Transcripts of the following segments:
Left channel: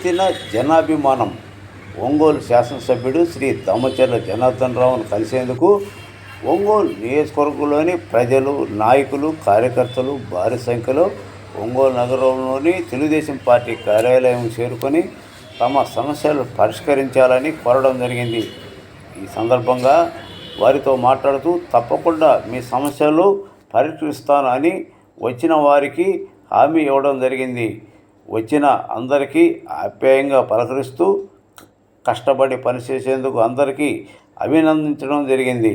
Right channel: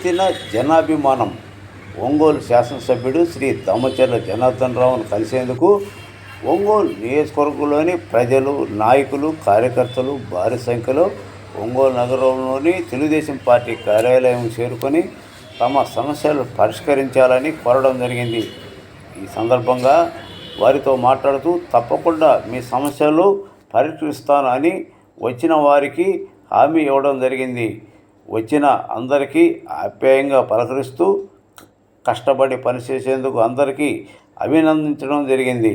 ఎత్తిన జనాభిమానం. ఒంగోలు శాసనసభ్యుడు శ్రీ దామచర్ల జనార్దన్ రావును కలిసేందుకు ఒంగోలు నియోజకవర్గంలోని ప్రజలు నాయకులు కార్యకర్తలు భారీ సంఖ్యలో ఒంగోలు నగరంలోని తెలుగుదేశం పార్టీ కార్యాలయం చేరుకొని తమ సమస్యలు పరిష్కరించాలని కోరడం జరిగింది. ఈ సందర్భంగా వారితో మాట్లాడుతూ తప్పకుండా మీ సమస్యలు పరిష్కరిస్తాను అని వచ్చిన వారికి హామీ ఇవ్వడం జరిగింది. వచ్చిన అందరికీ ఆప్యాయంగా పలకరిస్తూ కష్టపడి పనిచేసేందుకు అందరికీ అభినందించడం జరిగింది.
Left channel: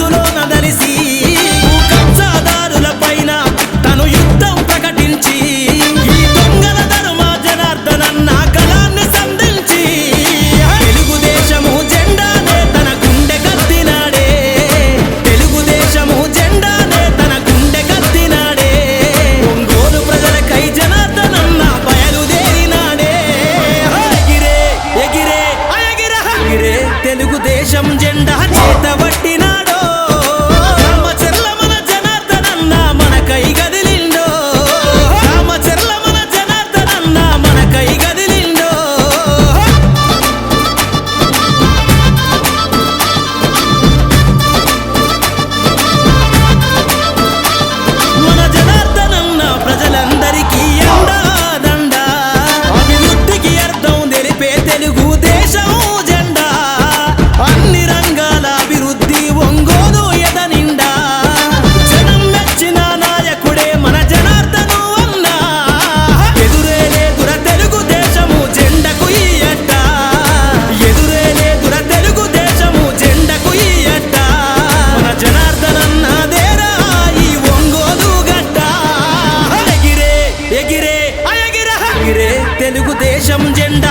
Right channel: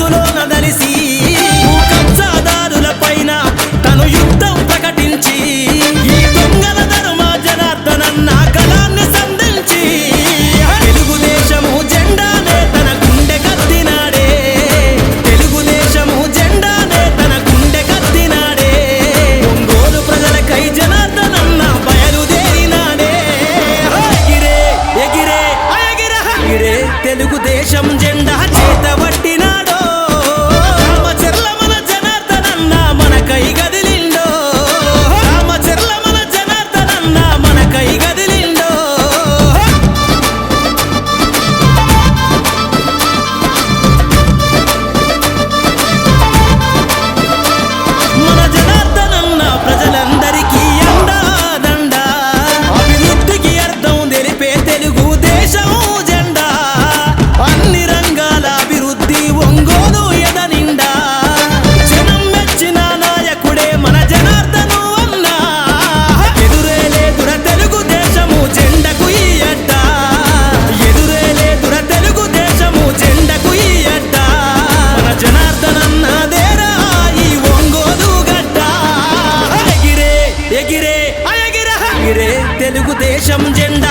మనసులో నదలిసి కబ్జాదారుల పైన తను యుద్ధం ప్రకటించి తెలుగుదేశం జెండా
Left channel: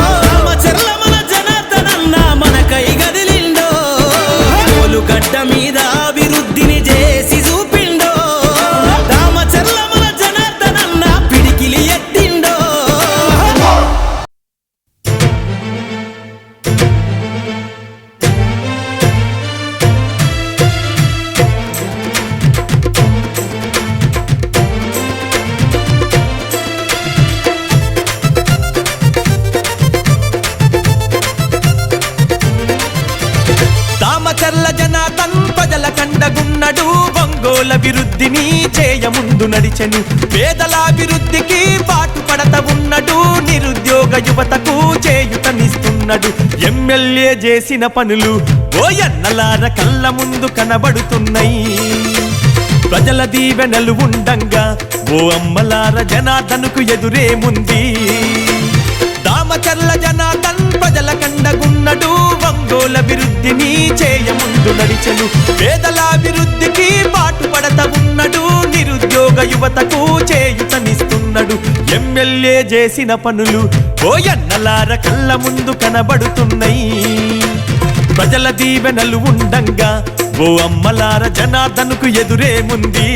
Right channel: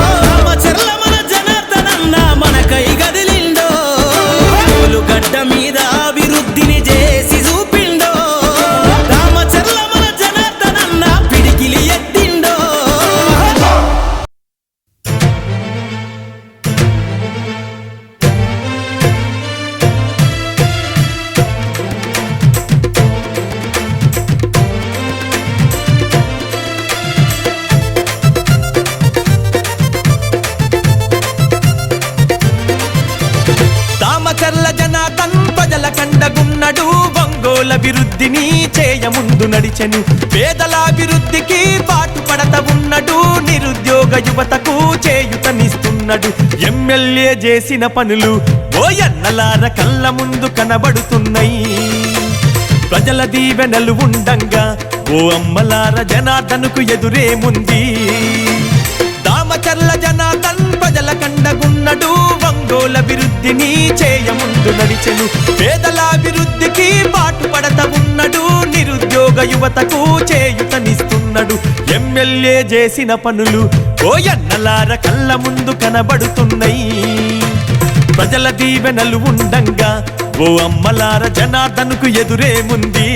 అభివృద్ధిని చేయముందు నడిచెను. పేదలాభివృద్ధికి పాటుపడత ఉన్నడు. నిరుద్యోగ యువతకు చేయుతనిస్తున్నడు. ఎమ్మెల్యే చేసిన పనులు ఓ ఎన్నలార కళ్ళ ముందు కనబడుతున్నాయి. ప్రజల దీవెనలు ఉండంగా ఓ అమ్మలార జనార్దనుకు ఎదురేముంది దామచర్ల జనార్దన్ ప్రజల కండగున్నడు ఒంగోల అభివృద్ధిని చేయముందు నడిచెను. పేదల అభివృద్ధికి పాటుపడత ఉన్నడు నిరుద్యోగ యువతకు చేయుతనిస్తున్నడు. ఎమ్మెల్యే చేసిన పనులు ఓ ఎన్నలార కళ్ళ ముందు కనబడుతున్నాయి ప్రజల దీవెనలు ఉండంగా ఓ అమ్మలార జనార్దనుకు ఎదురేముంది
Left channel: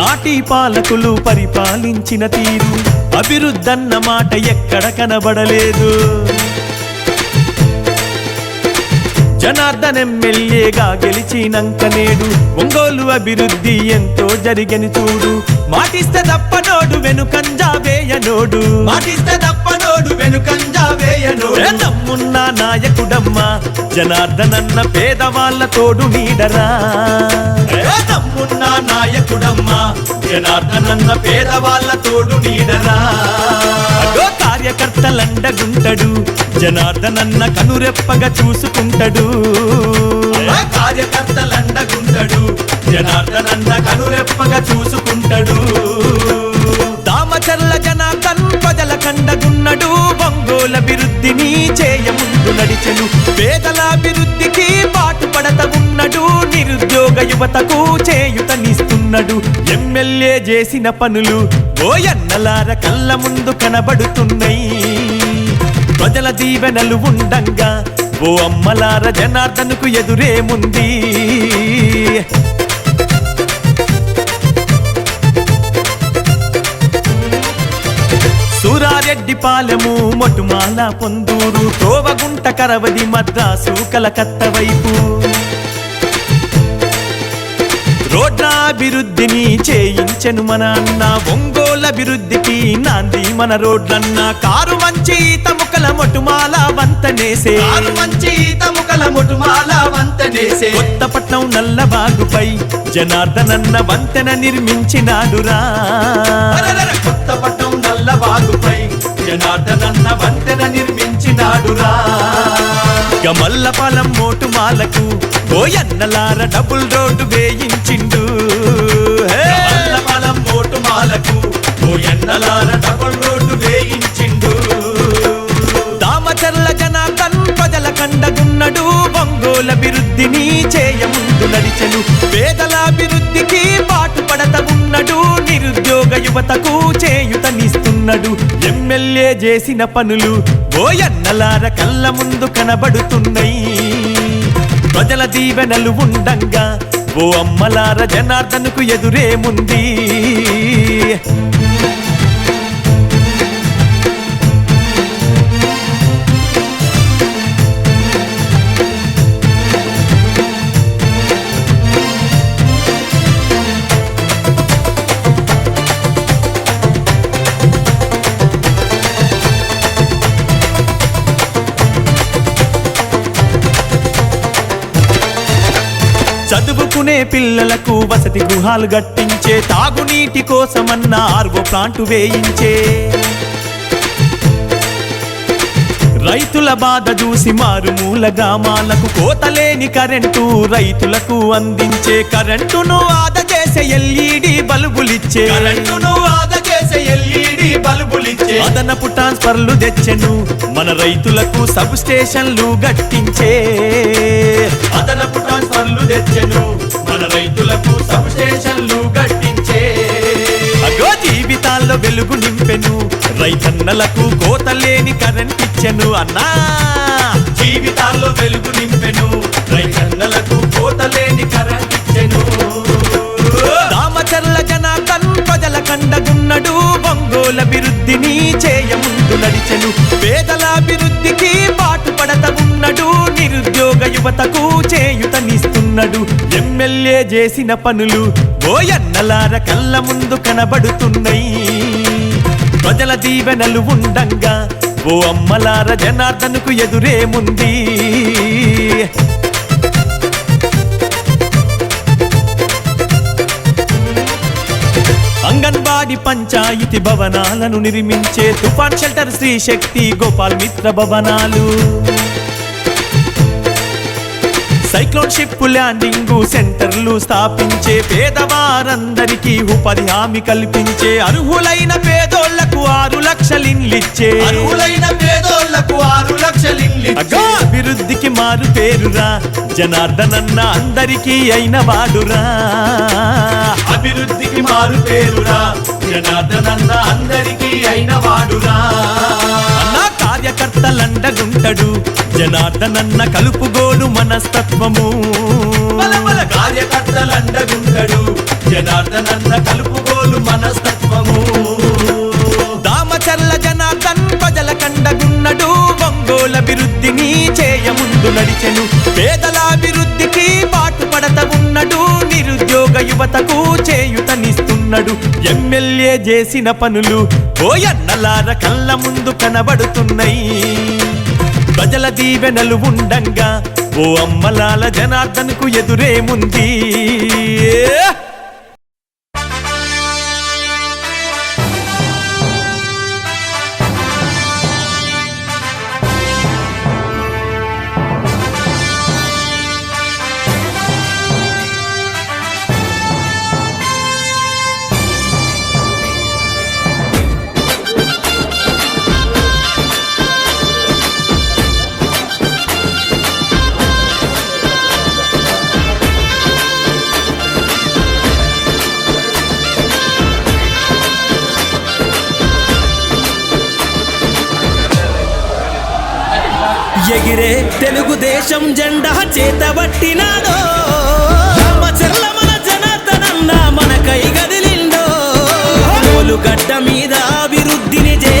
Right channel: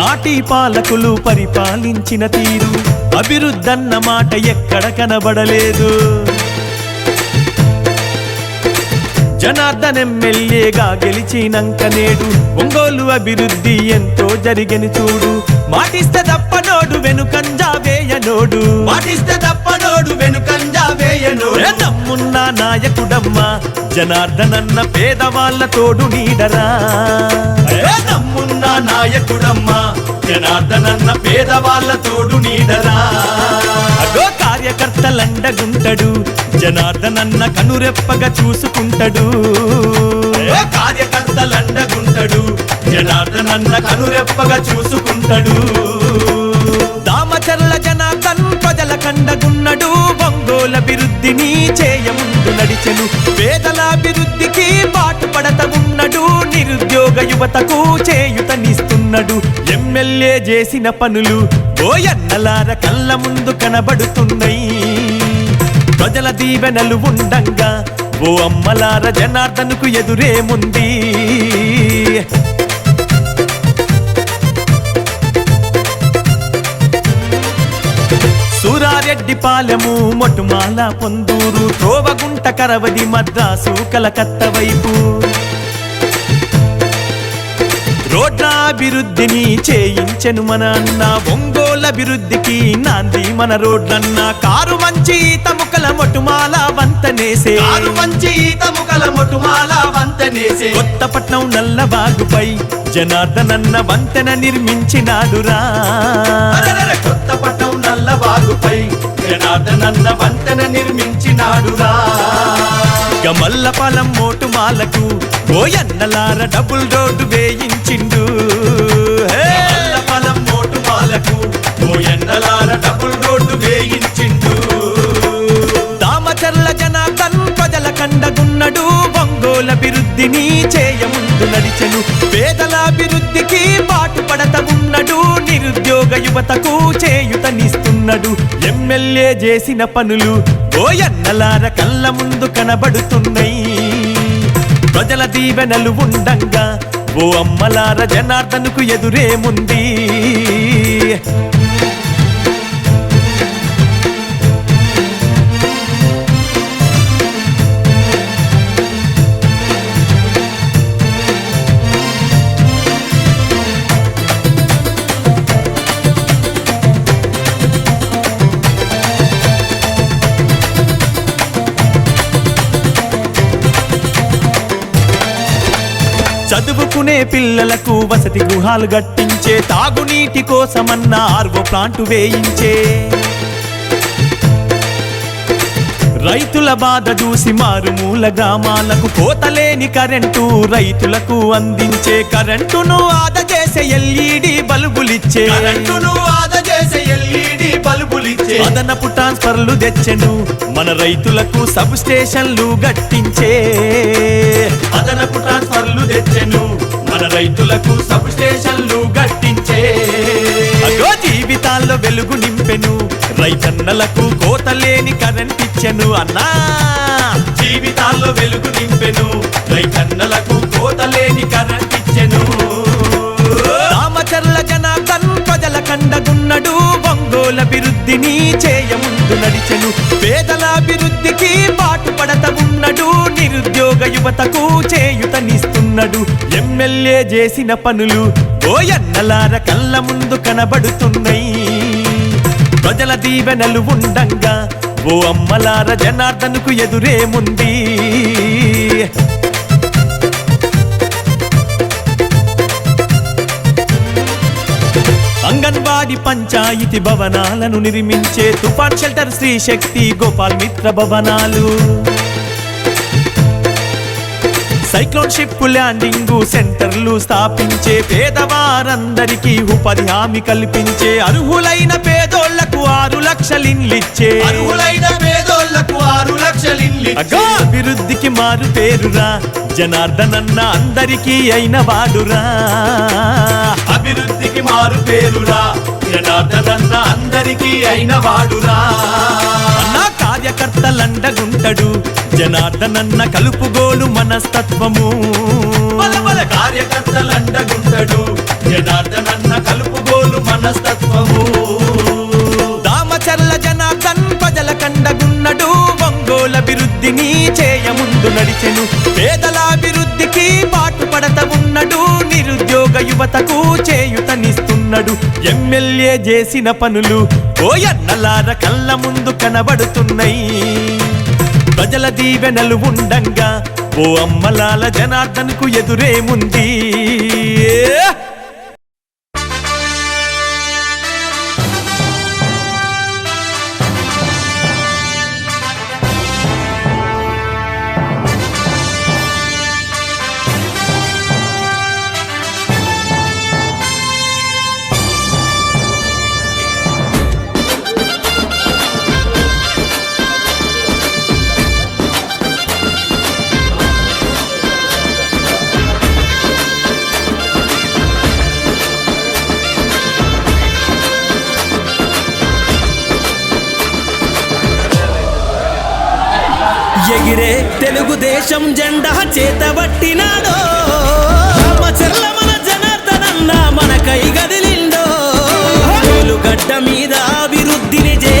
నాటి పాలకులు పరిపాలించిన తీరు అభివృద్ధన్న మాట ఎక్కడ కనబడలేదు. జనార్దన్ ఎమ్మెల్యేగా గెలిచినంక నేడు ఒంగోలు అభివృద్ధి ఎంతో జరిగని చూడు. మాటిస్తే తప్పనోడు వెనుకంజా వేయనోడు మాటిస్తే తప్పనోడు వెనుకంజా వేయనోడు నమ్మున్న నాయకుడమ్మా జనార్దన్ అన్న పేదవాళ్ళ తోడు నీడరా. ఏ నమ్మున్న నాయకుడమ్మా జనార్దన్ అన్న పేదవాళ్ళ తోడు నీడరా. అగో కార్యకర్తలండగుంటడు జనార్దన్ అన్న కనురెప్పగా చూసుకుంటాడు. కార్యకర్తలండగుంటడు జనార్దన్ అన్న కనురెప్పగా చూసుకుంటాడు. దామచర్ల జనార్దన్ ప్రజల కండగున్నడు. ఒంగోల అభివృద్ధిని చేయముందు నడిచెను. పేదల అభివృద్ధికి పాటుపడత ఉన్నడు. నిరుద్యోగ యువతకు చేయుతనిస్తున్నడు. ఎమ్మెల్యే చేసిన పనులు ఓయన్నలార కళ్ళ ముందు కనబడుతున్నాయి. ప్రజల దీవెనలు ఉండంగా ఓ అమ్మలార జనార్దనుకు ఎదురేముంది సూరారెడ్డి పాలెము మొటుమాల పొందూరు త్రోవగుంట కరవది మద్రాసు కలకత్త వైపు. రోడ్ల అభివృద్ధిని చేయించెను మన అన్న ఒంగోలు అభివృద్ధికి నాంది మన రోడ్లన్న. కారు మంచి తముకల మొటుమాల వంతనేసే. మంచి తముకల మొటుమాల వంతనేసే. కొత్తపట్నం నల్లబాగుపై జనార్దనన్న వంతెన నిర్మించినాడురా. కొత్తపట్నం జనార్దనన్న వంతెన నిర్మించినాడురా. గమల్లపాలెం మోటుమాలకు ఓ ఎన్నలార డబుల్ రోడ్డు వేయించిండు. మోటు మాలకు ఓ ఎన్నలార డబుల్ జనార్దన్ ప్రజల కండగున్నడు. ఒంగోల అభివృద్ధిని చేయముందు నడిచెను. పేదల అభివృద్ధికి పాటుపడత ఉన్నడు. నిరుద్యోగ యువతకు చేయుతనిస్తున్నడు. ఎమ్మెల్యే చేసిన పనులు ఓయన్నలార కళ్ళ ముందు కనబడుతున్నాయి. ప్రజల దీవెనలు ఉండంగా ఓ అమ్మలార జనార్దనుకు ఎదురేముంది చదువుకునే పిల్లలకు వసతి గృహాలు గట్టించే తాగునీటి కోసమన్న ఆర్వో ప్లాంటు వేయించే. రైతుల బాధ చూసి మారుమూల గ్రామాలకు కోతలేని కరెంటు రైతులకు అందించే. కరెంటును ఆదా చేసే ఎల్ఈడి బల్బులిచ్చే. కరెంటును ఆదా బల్బులిచ్చే. అదనపు ట్రాన్స్ఫర్లు తెచ్చెను. మన రైతులకు సబ్ స్టేషన్లు గట్టించే. అదనపు ట్రాన్స్ఫర్లు తెచ్చెను. మన రైతులకు సబ్ స్టేషన్లు గట్టించే. అగో జీవితాల్లో వెలుగు నింపెను. రైతన్నలకు కోతలేని కరెంట్ ఇచ్చెను అన్నా. జీవితాల్లో వెలుగు నింపెను. రైతన్నలకు కోతలేని కరెంట్ ఇచ్చెను. దామచర్ల జనార్దన్ ప్రజల కండగున్నడు ఒంగోల అభివృద్ధిని చేయముందు నడిచెను. పేదల అభివృద్ధికి పాటుపడత ఉన్నడు నిరుద్యోగ యువతకు చేయుతనిస్తున్నడు. ఎమ్మెల్యే చేసిన పనులు ఓయన్నలార కళ్ళ ముందు కనబడుతున్నాయి. ప్రజల దీవెనలు ఉండంగా ఓ అమ్మలార జనార్దనుకు ఎదురేముంది అంగన్వాడి పంచాయతీ భవనాలను నిర్మించే తుఫాన్ షెల్టర్ శ్రీ శక్తి గోపాల్ మిత్ర భవనాలు. సైక్లోన్ షిప్ ల్యాండింగ్ సెంటర్లు స్థాపించే పేదవారందరికీ ఉపాధి హామీ కల్పించే అర్హులైన పేదోళ్ళకు ఆరు లక్షలిన్లిచ్చే అర్హులైన పేదోళ్ళకు ఆరు అభివృద్ధికి మారు పేరురా. జనార్దనన్న అందరికీ అయిన వాడురా. అభివృద్ధికి మారు పేరురా. జనార్దనన్న అందరికీ అయిన వాడురా. అన్న కార్యకర్తలండగుంటడు జనార్దనన్న కలుపుగోలు మనస్తత్వము. మన మన కార్యకర్తలండగుంటడు జనార్దనన్న కలుపుగోలు మనస్తత్వము. దామచర్ల జనార్దన్ ప్రజల కండగున్నడు. ఒంగోల అభివృద్ధిని చేయముందు నడిచెను. పేదల అభివృద్ధికి పాటుపడత ఉన్నడు. నిరుద్యోగ యువతకు చేయుతనిస్తున్నాడు. ఎమ్మెల్యే చేసిన పనులు ఓయన్నలార కళ్ళ ముందు కనబడుతున్నాయి ప్రజల దీవెనలు ఉండంగా ఓ అమ్మలాల జనార్దన్కు ఎదురేముంది దేశం జెండా చేతబట్టినాడో రామచర్ల మన జనార్దనన్న మన కై గదిలిండో. గడ్డ మీద అభివృద్ధిని చే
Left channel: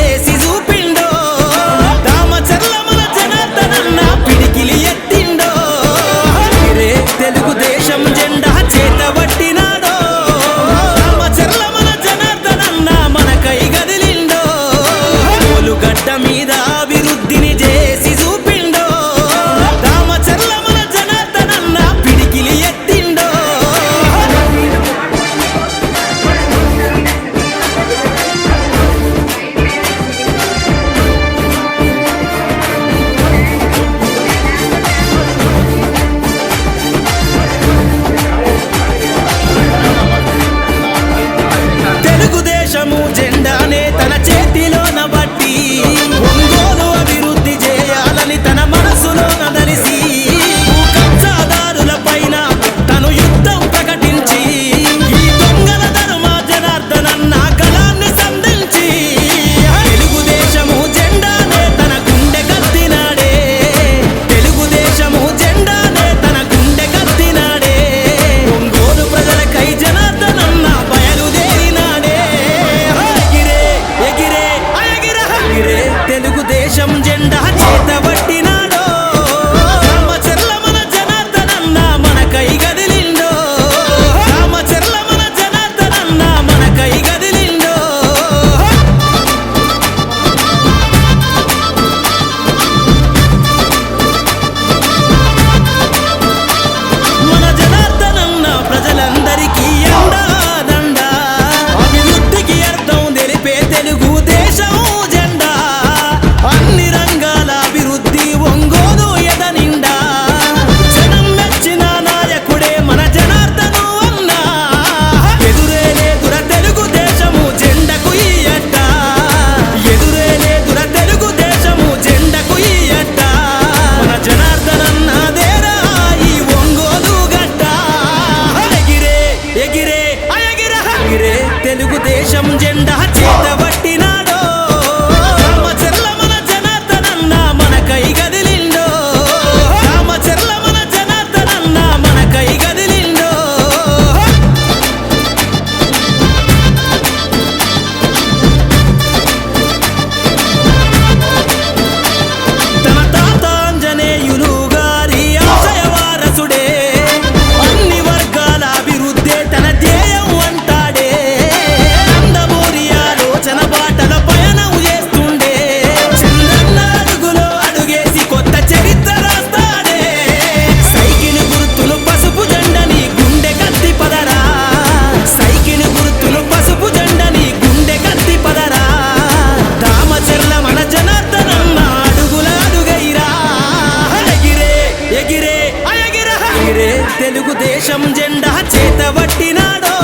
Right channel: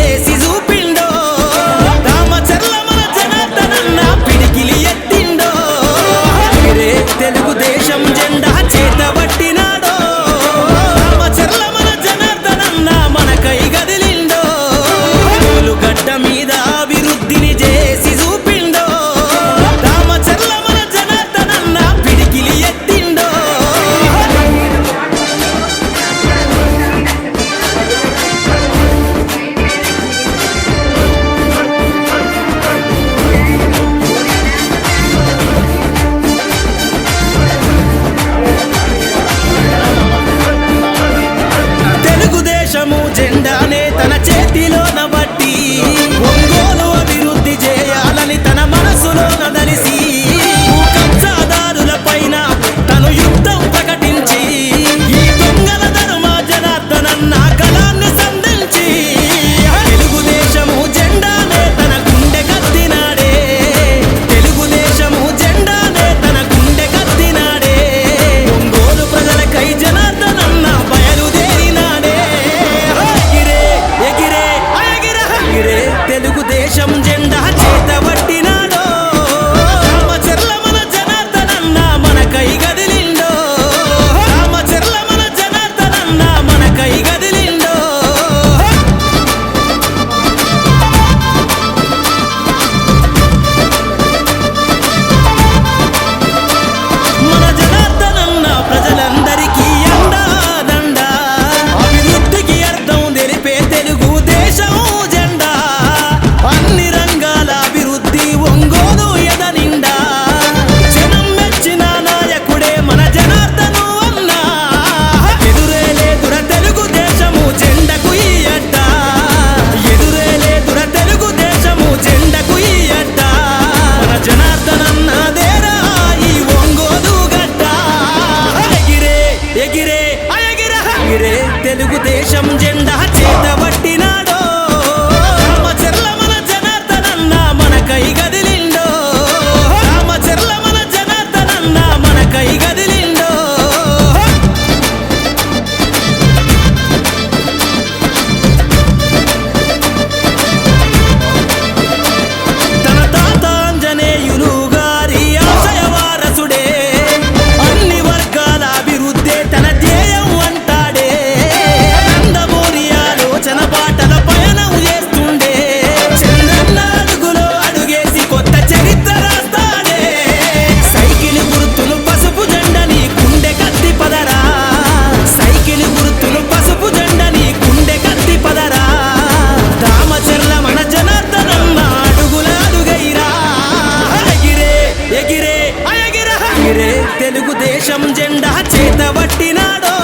వీరే తెలుగుదేశం జెండా చేత పట్టినాడో?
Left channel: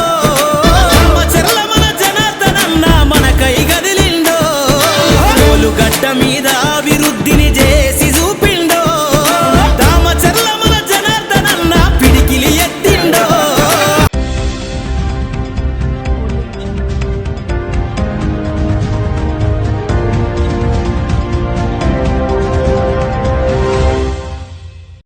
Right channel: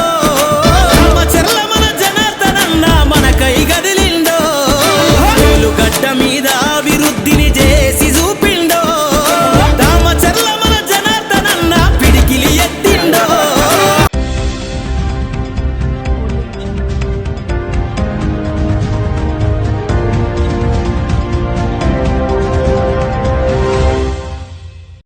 చెర్ల మన జనార్దనన్న మన కై గదిలిండో? గడ్డ మీద అభివృద్ధిని చేసి చూపి